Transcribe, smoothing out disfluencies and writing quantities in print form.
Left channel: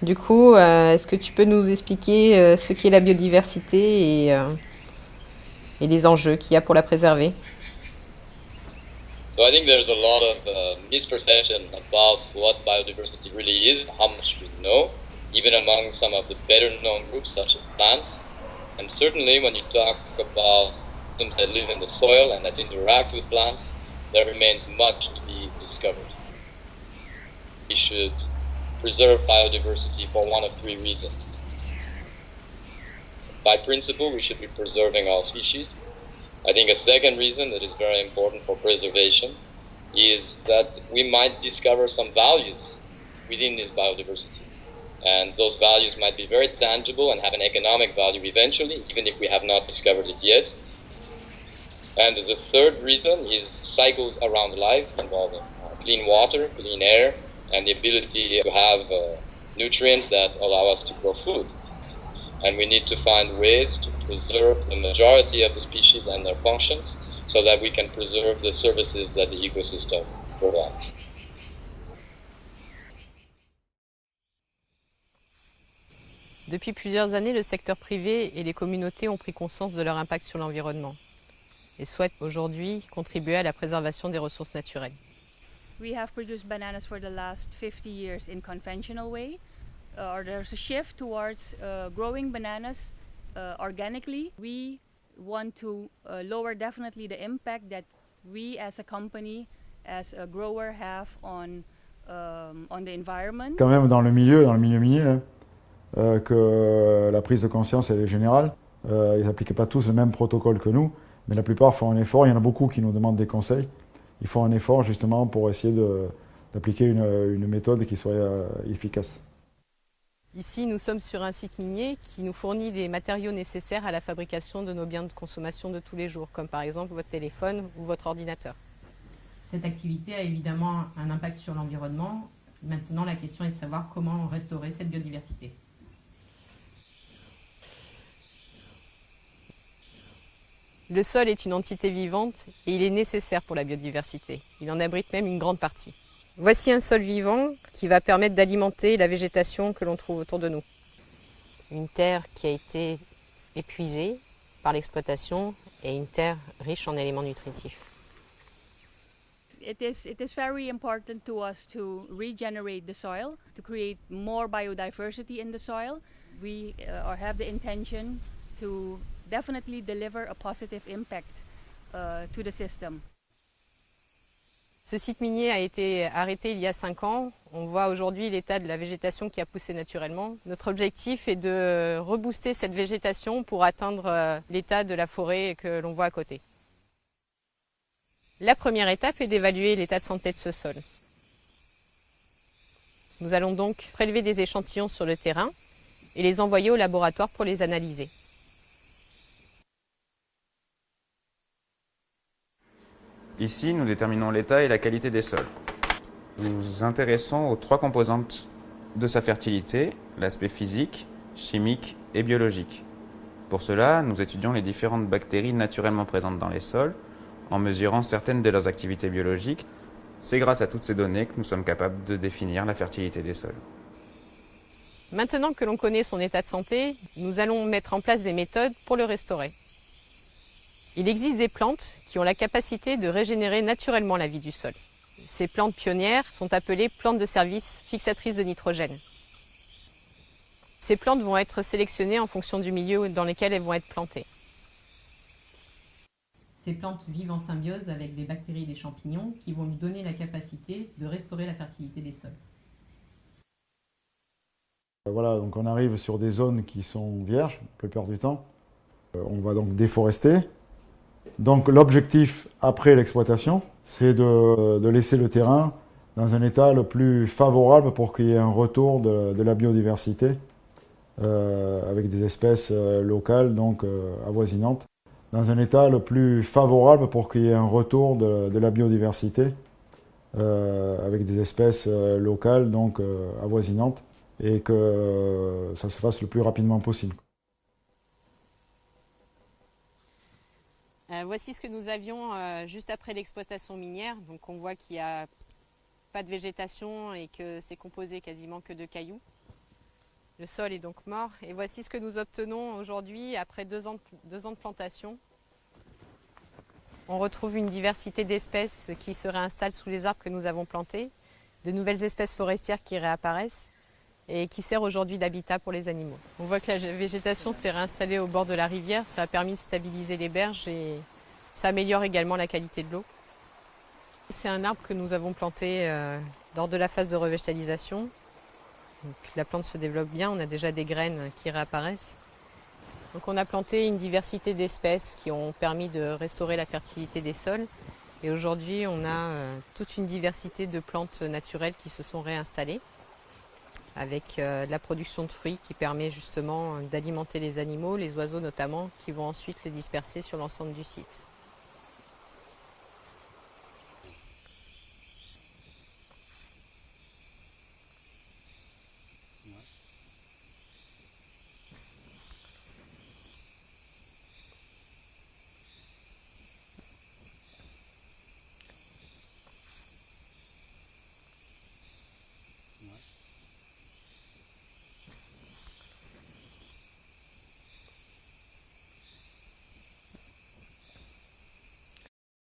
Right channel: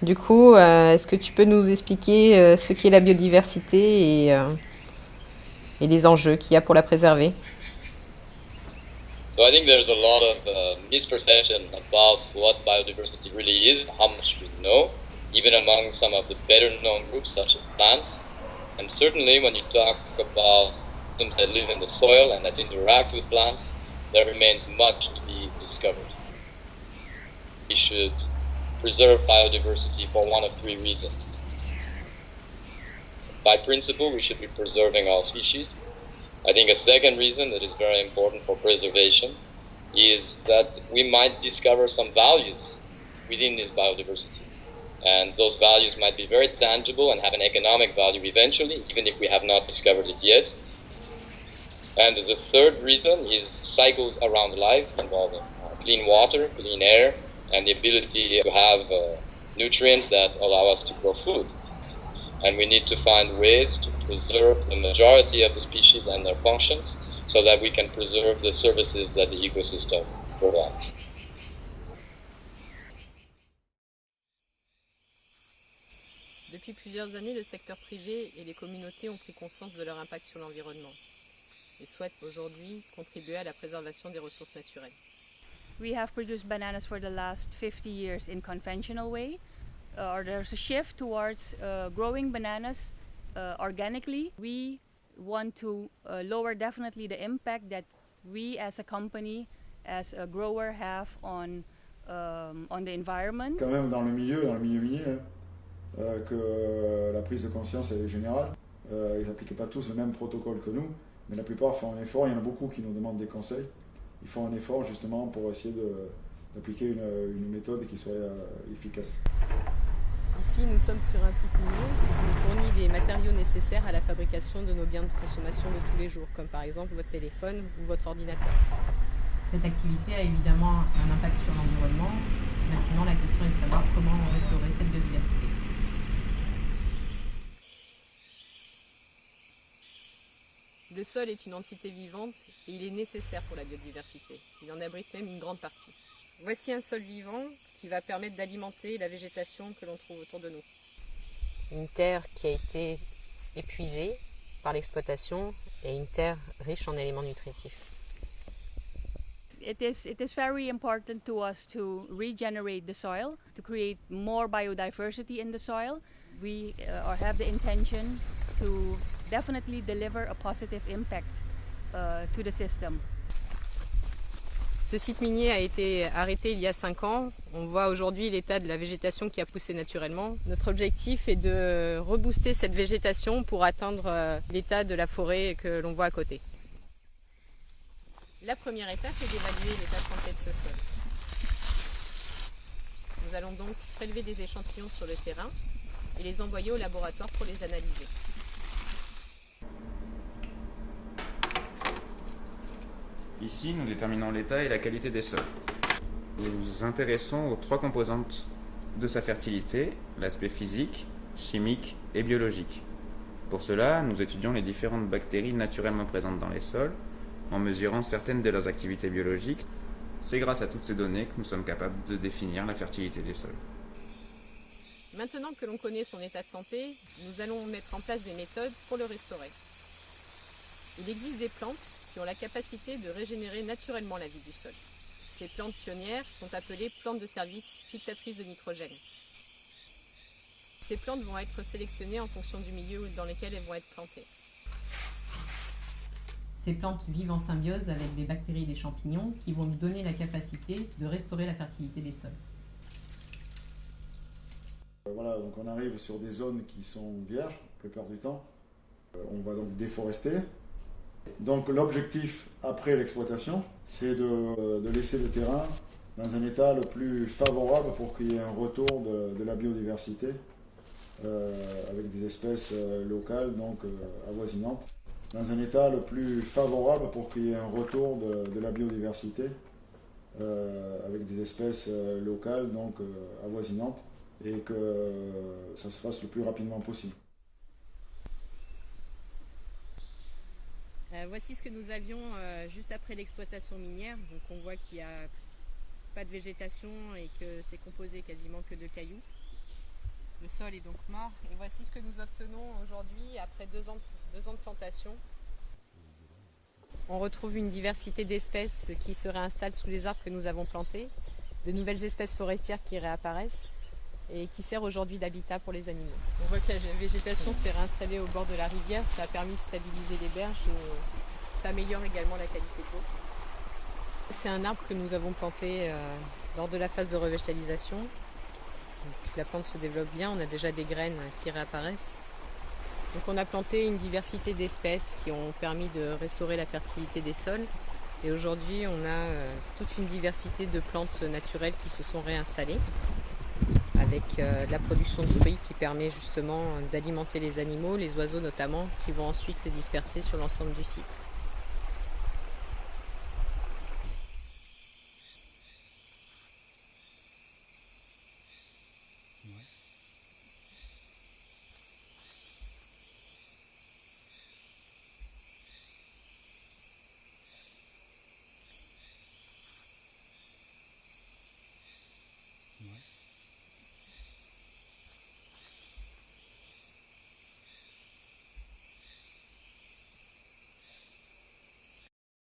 Du coup, est-ce que tu peux nous expliquer ce qu'est la biodiversité et les enjeux qu'il y a pour la préserver? So I think there's a lot of misperception about what biodiversity really is, how much we know, even among some of the better known groups such as plants. And certainly when you talk about systems that live in the soil and that interact with plants, there remains much to be discovered. We should preserve biodiversity for one of three reasons. By principle, we should be preserving all species. I think a second reason that is very important for preservation is that we might discover some values within this biodiversity. And those values might be very tangible and have an economic value eventually, even if we have not discovered it yet. And the third reason is cycles around life involving clean water, clean air, and the ability to have nutrients that allow us to grow food. And we need to find ways to preserve the majority of the species and their functions so that we can preserve the services that the ecosystem provides. Depuis plusieurs années, le secteur privé et les communautés ont pris conscience de leur impact sur l'environnement et souhaitent aujourd'hui contribuer à la préservation des ressources naturelles. We have produced bananas for the last 50 years in conventional way. There's a shift towards growing bananas organically. We want to lower definitely the impact that we as a company, as a grower have on the environment. Quand même dans le milieu minier, que la prise de conscience elle est générale. Ils n'appliquent pas tous le même protocole que nous, mais la plupart font un effort. Il y en a beaucoup qui nous demandent des conseils. Ils font un effort justement pour essayer d'appliquer une méthode qui soit efficace. Ici, nous sommes sur un site minier qui nous fournit les matériaux nécessaires à la fabrication de nos biens de consommation de tous les jours, comme par exemple votre téléphone ou votre ordinateur. Cette activité a évidemment un impact sur l'environnement. Maintenant, la question est de savoir comment restaurer cette biodiversité. Le sol est une entité vivante et il est nécessaire pour la biodiversité. Il en abrite même une grande partie. Voici un sol vivant qui va permettre d'alimenter la végétation que l'on trouve autour de nous. Une terre qui a été épuisée par l'exploitation et une terre riche en éléments nutritifs. It is very important to us to regenerate the soil, to create more biodiversity in the soil. We have the intention to definitely deliver a positive impact to the system. Ce site minier a été arrêté il y a 5 ans. On voit aujourd'hui l'état de la végétation qui a poussé naturellement. Notre objectif est de rebooster cette végétation pour atteindre l'état de la forêt que l'on voit à côté. La première étape est d'évaluer l'état de santé de ce sol. Nous allons donc prélever des échantillons sur le terrain et les envoyer au laboratoire pour les analyser. Ici, nous déterminons l'état et la qualité des sols. Nous nous intéressons aux 3 composantes de sa fertilité, l'aspect physique, chimique et biologique. Pour cela, nous étudions les différentes bactéries naturellement présentes dans les sols, en mesurant certaines de leurs activités biologiques. C'est grâce à toutes ces données que nous sommes capables de définir la fertilité des sols. Maintenant que l'on connaît son état de santé, nous allons mettre en place des méthodes pour le restaurer. Il existe des plantes qui ont la capacité de régénérer naturellement la vie du sol. Ces plantes pionnières sont appelées plantes de service fixatrices de nitrogène. Ces plantes vont être sélectionnées en fonction du milieu dans lequel elles vont être plantées. Ces plantes vivent en symbiose avec des bactéries et des champignons qui vont nous donner la capacité de restaurer la fertilité des sols. Voilà, donc on arrive sur des zones qui sont vierges, la plupart du temps. On va donc déforester. Donc l'objectif après l'exploitation, c'est de laisser le terrain dans un état le plus favorable pour qu'il y ait un retour de la biodiversité avec des espèces locales, donc avoisinantes. Dans un état le plus favorable pour qu'il y ait un retour de la biodiversité avec des espèces locales, donc avoisinantes, et que ça se fasse le plus rapidement possible. Voici ce que nous avions juste après l'exploitation minière. Donc on voit qu'il n'y a pas de végétation et que c'est composé quasiment que de cailloux. Le sol est donc mort et voici ce que nous obtenons aujourd'hui après 2 ans de plantation. On retrouve une diversité d'espèces qui se réinstallent sous les arbres que nous avons plantés, de nouvelles espèces forestières qui réapparaissent et qui servent aujourd'hui d'habitat pour les animaux. On voit que la végétation s'est réinstallée au bord de la rivière, ça a permis de stabiliser les berges et ça améliore également la qualité de l'eau. C'est un arbre que nous avons planté lors de la phase de revégétalisation. Donc, la plante se développe bien, on a déjà des graines qui réapparaissent. Donc, on a planté une diversité d'espèces qui ont permis de restaurer la fertilité des sols. Et aujourd'hui, on a toute une diversité de plantes naturelles qui se sont réinstallées avec la production de fruits qui permet justement d'alimenter les animaux, les oiseaux notamment, qui vont ensuite les disperser sur l'ensemble du site.